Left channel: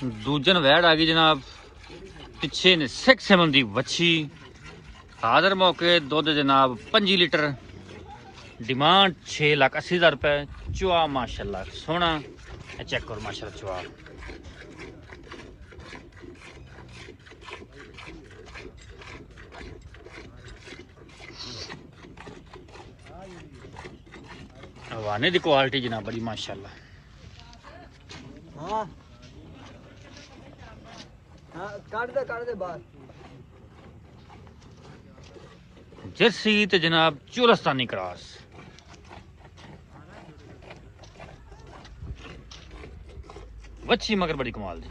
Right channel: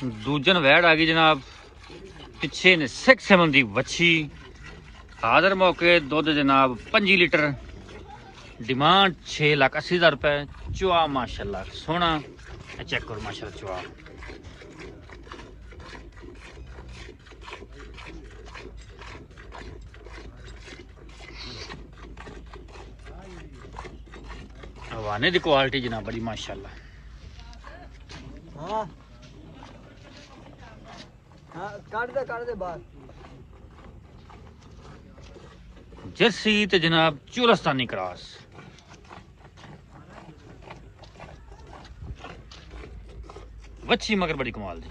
दूजन वैड आ गई जनाब। पिछे ने 6-7 दी वच्छी हाजिर मौके दुध जनाब 5 लीटर। डिमांड 6,80,000 रुपए। चुआ माशाल्लाह सोना चेक करो माशाल्लाह चुआ। हवाने दी क्वालिटी जनाब बड़ी माशाल्लाह। हाँ हाँ काट दे बाहर। जर्सी ते जनाब चुलस्तानी क्रॉस। वच्छी मगर बड़ी कमाल दी।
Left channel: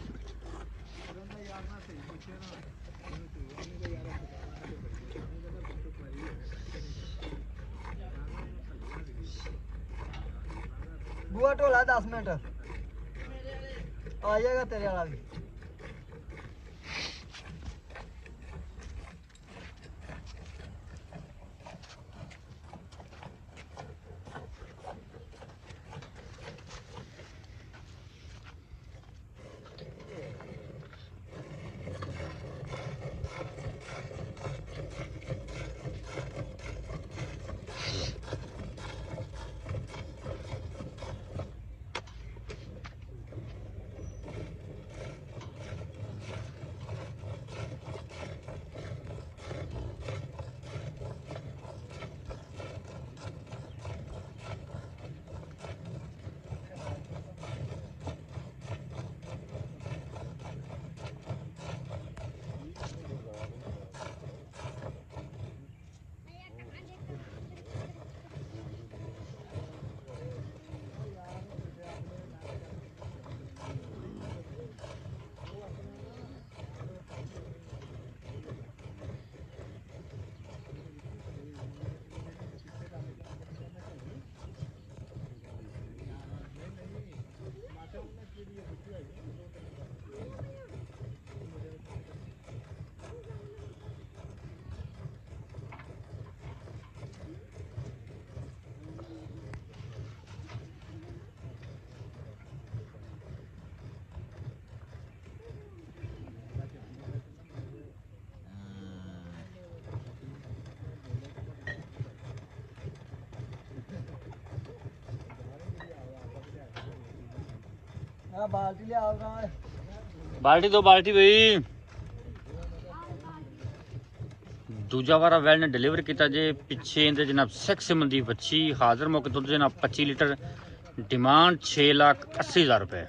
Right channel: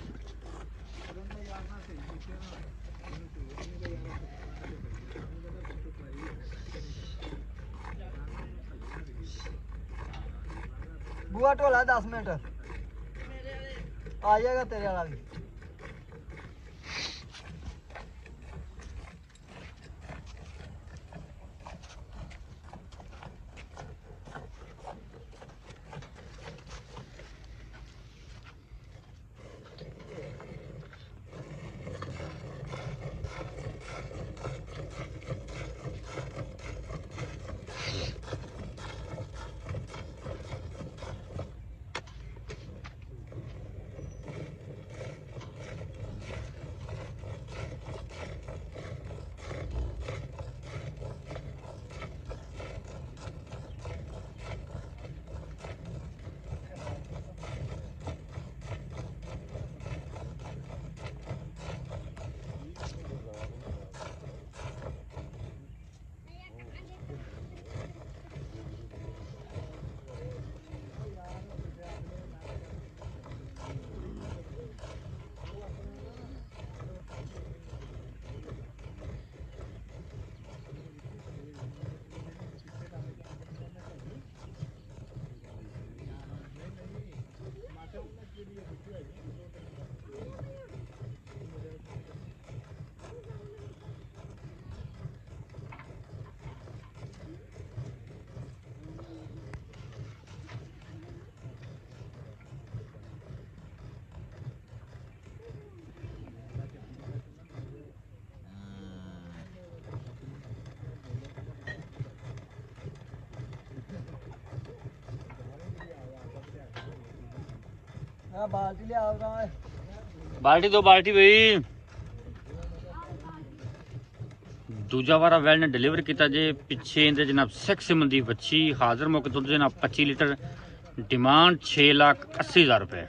बुआ टोला 10 मिनट आ जाएगा तेरे वाला भी। बाल्टी दो बाल्टी भाई। दूजा वारा वैल ने डिलीवर किया जे पिछे इंदे जनाब 6 दी बच्ची हाजिर मौके दुध जनाब 25 लीटर। डिमांड 6,80,000 रुपए।